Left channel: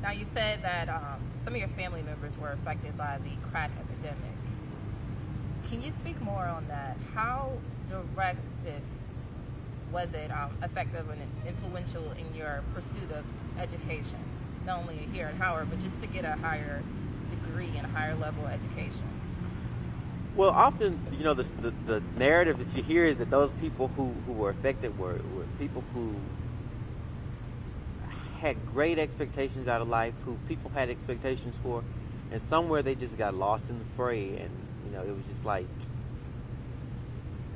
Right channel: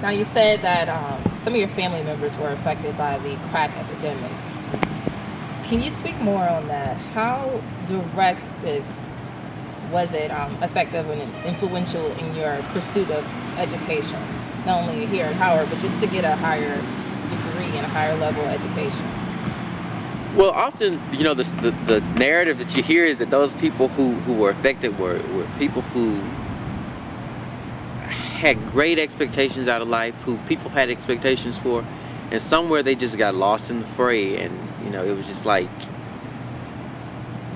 Now, you said that some of your family members were affected by the crack epidemic. Can you speak more on that? How directive was it effective and influential in your pursuit of education? Not only here at Howard, but just to get a higher degree and a higher level education. Well, often, you know, the narrative that you hear is that those people who were affected were people who had great expectations out of life, who people had expectations for, and somewhere they just got lost in the fray, and, you know, it was just like,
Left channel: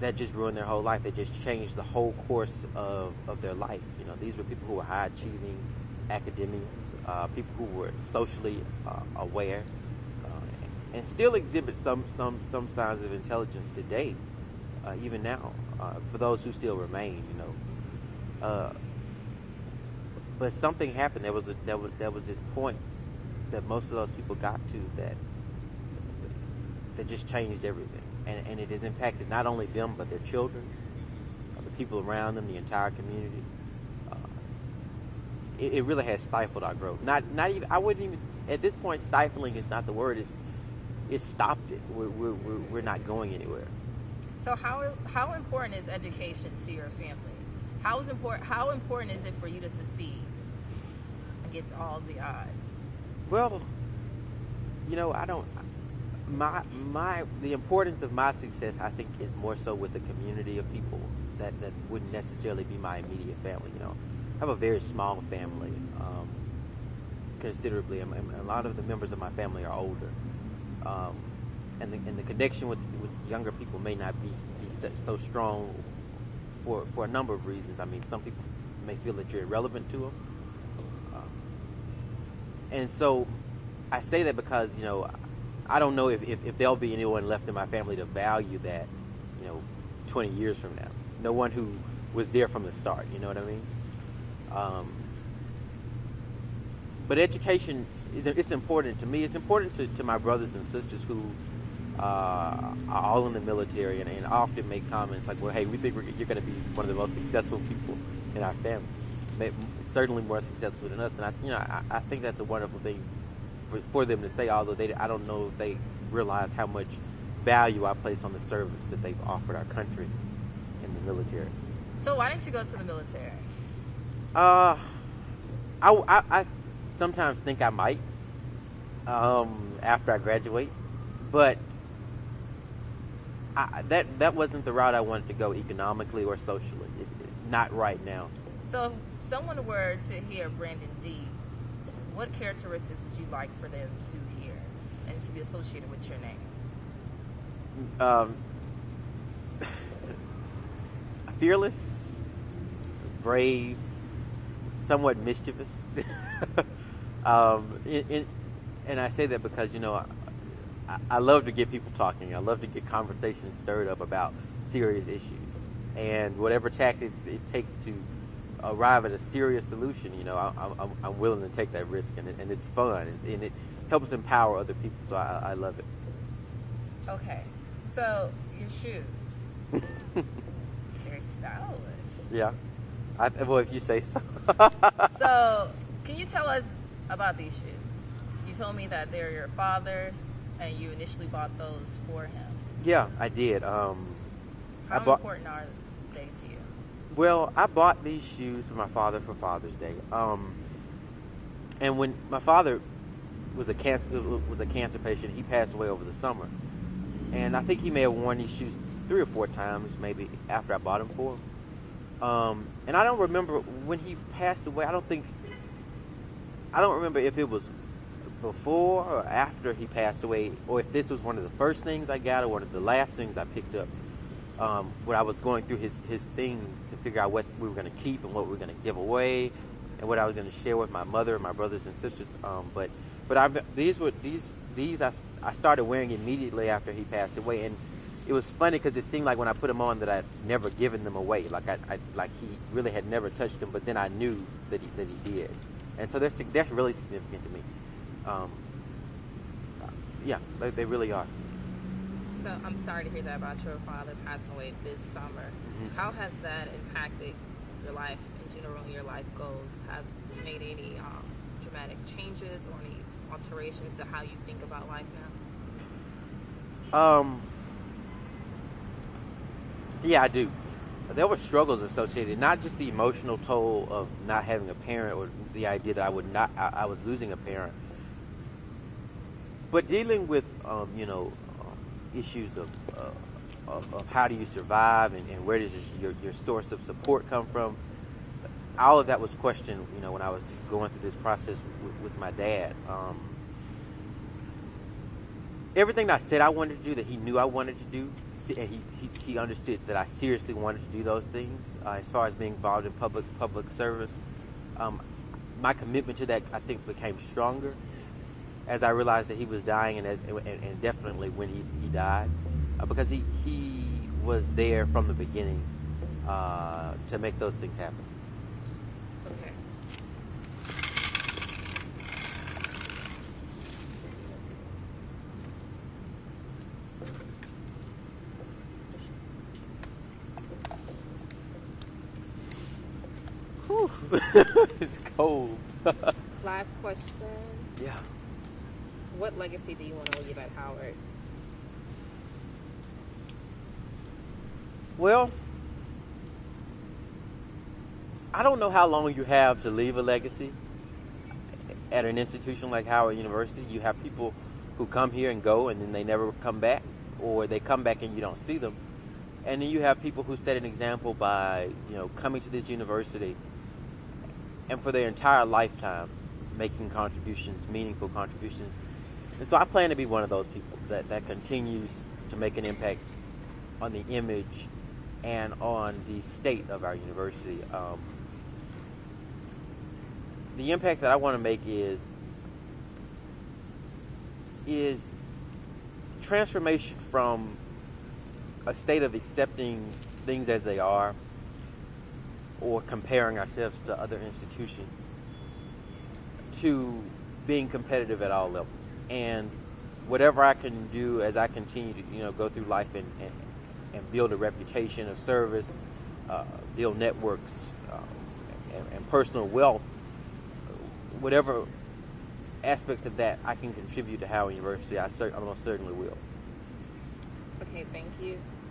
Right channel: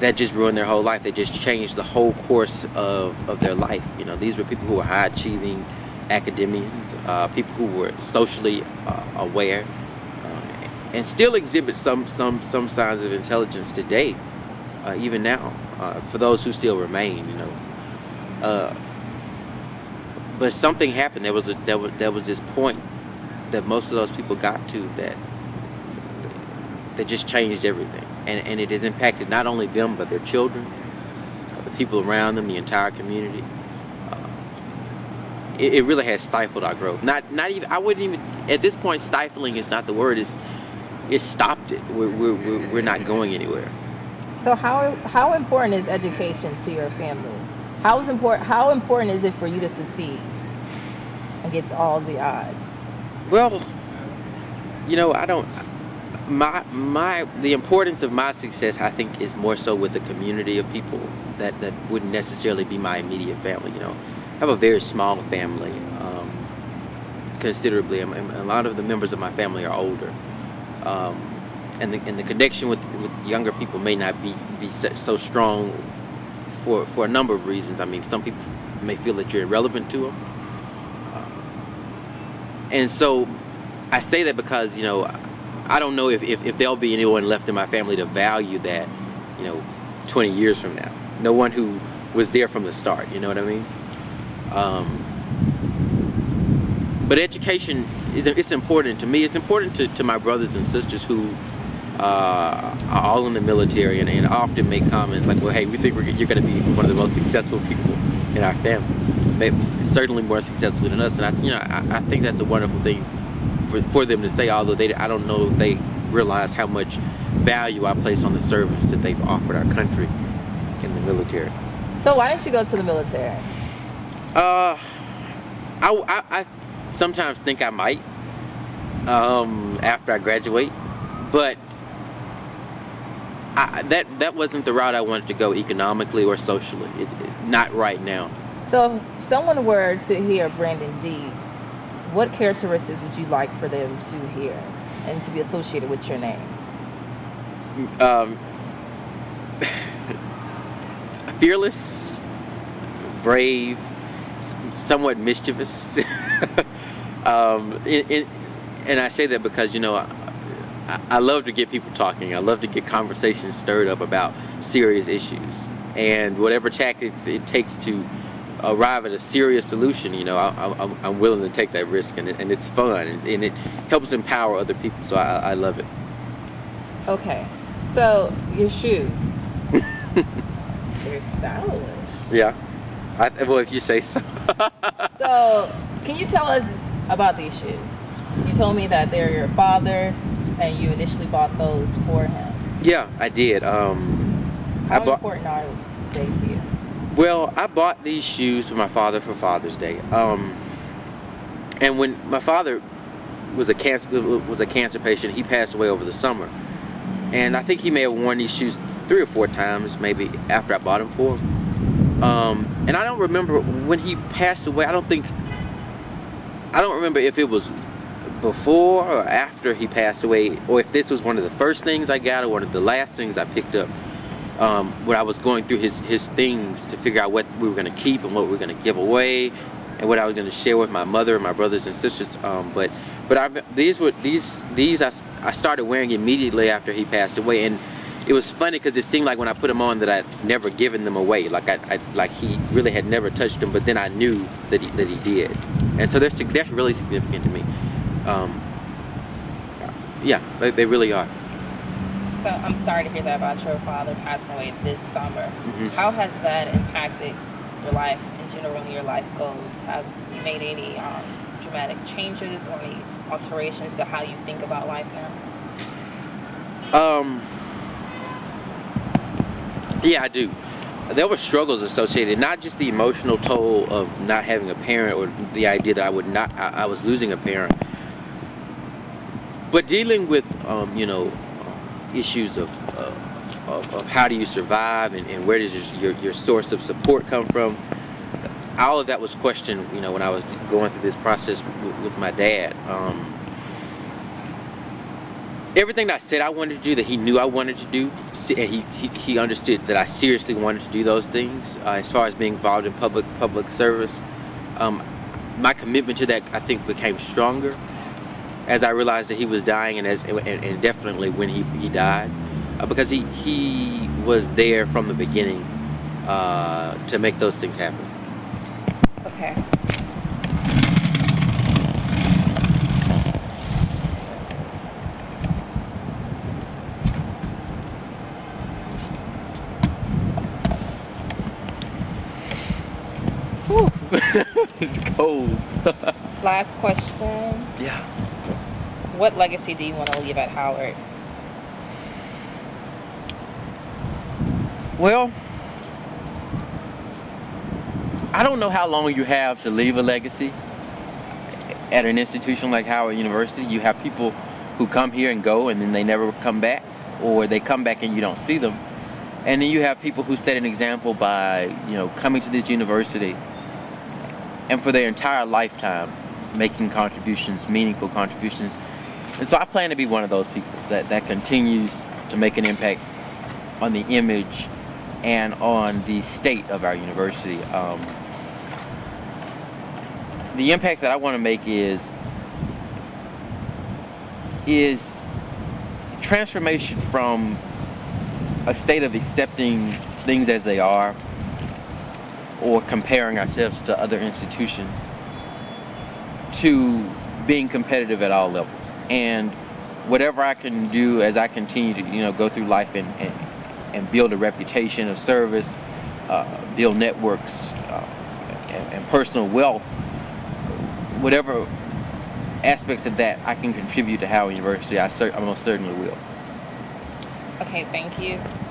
that just ruined their whole life. They just changed the whole course of their life. You know, these were people who were high-achieving academians, people who were socially aware, and still exhibit some signs of intelligence today, even now, for those who still remain. You know, but something happened. There was this point that most of those people got to that just changed everything, and it has impacted not only them but their children, the people around them, the entire community. It really has stifled our growth. Not even, I wouldn't even, at this point, stifling is not the word. It stopped it. We're not going anywhere. So how important is education to your family? How important is it for you to succeed against all the odds? Well, you know, the importance of my success, I think, is more so with the community of people that wouldn't necessarily be my immediate family. You know, I have a very small family, considerably. A lot of the members of my family are older. And the connection with younger people may not be so strong for a number of reasons. I mean, some people may feel that you're irrelevant to them, and so I say that because, you know, I don't know if there'll be anyone left in my family to value that, you know, 20 years from now. No one who was there from the start. You know what I mean? But education it's important to me. It's important to my brothers and sisters who are all in the military and often make comments like, well, hey, we think you're going to be one of the most successful people in our family. Maybe, certainly more successful than us. And I think that's a wonderful thing for them to say, although I don't know if they realize how much value I place on the service that they've offered our country in the military. So why didn't you go to the military? I sometimes think I might after I graduate, but that wasn't the route I wanted to go economically or socially. Not right now. So if someone were to hear Brandon D, what characteristics would you like for them to hear and to be associated with your name? Fearless, brave, somewhat mischievous. And I say that because, you know, I love to get people talking. I love to get conversations stirred up about serious issues. And whatever tactics it takes to arrive at a serious solution, you know, I'm willing to take that risk, and it's fun, and it helps empower other people, so I love it. Okay, so your shoes. They're stylish. Yeah, well, if you say so. So, can you tell us about these shoes? You told me that they're your father's, and you initially bought those for him. Yeah, I did. How important are they to you? Well, I bought these shoes for my father for Father's Day. And when my father was a cancer patient, he passed away over the summer. And I think he may have worn these shoes 3 or 4 times, maybe, after I bought them for him. And I don't remember when he passed away. I don't remember if it was before or after he passed away, or if this was one of the first things I got or one of the last things I picked up. When I was going through his things to figure out what we were going to keep and what we were going to give away, and what I was going to share with my mother and my brothers and sisters. But these I started wearing immediately after he passed away, and it was funny because it seemed like when I put them on that I'd never given them away, like he really had never touched them. But then I knew that he did, and so that's really significant to me. Yeah, they really are. So I'm sorry to hear that about your father passing away this summer. Mm-hmm. How has that impacted your life in general and your life goals? Have you made any dramatic changes or any alterations to how you think about life now? Yeah, I do. There were struggles associated, not just the emotional toll of not having a parent or the idea that I was losing a parent, but dealing with, issues of how do you survive and where does your source of support come from. All of that was questioned, when I was going through this process with my dad. Everything that I said I wanted to do, that he knew I wanted to do, and he understood that I seriously wanted to do those things. As far as being involved in public service, my commitment to that, I think, became stronger as I realized that he was dying, and definitely when he died, because he was there from the beginning to make those things happen. Okay. It's cold. Last question. Yeah. What legacy do you want to leave at Howard? Well, I don't know how long you have to leave a legacy at an institution like Howard University. You have people who come here and go and then they never come back, or they come back and you don't see them. And then you have people who set an example by, coming to this university and for their entire lifetime making contributions, meaningful contributions. And so I plan to be one of those people that continues to make an impact on the image and on the state of our university. The impact that I want to make is transformation from a state of accepting things as they are or comparing ourselves to other institutions to being competitive at all levels. And whatever I can do as I continue to go through life and build a reputation of service, build networks, and personal wealth, whatever aspects of that I can contribute to Howard University, I most certainly will. Okay, thank you.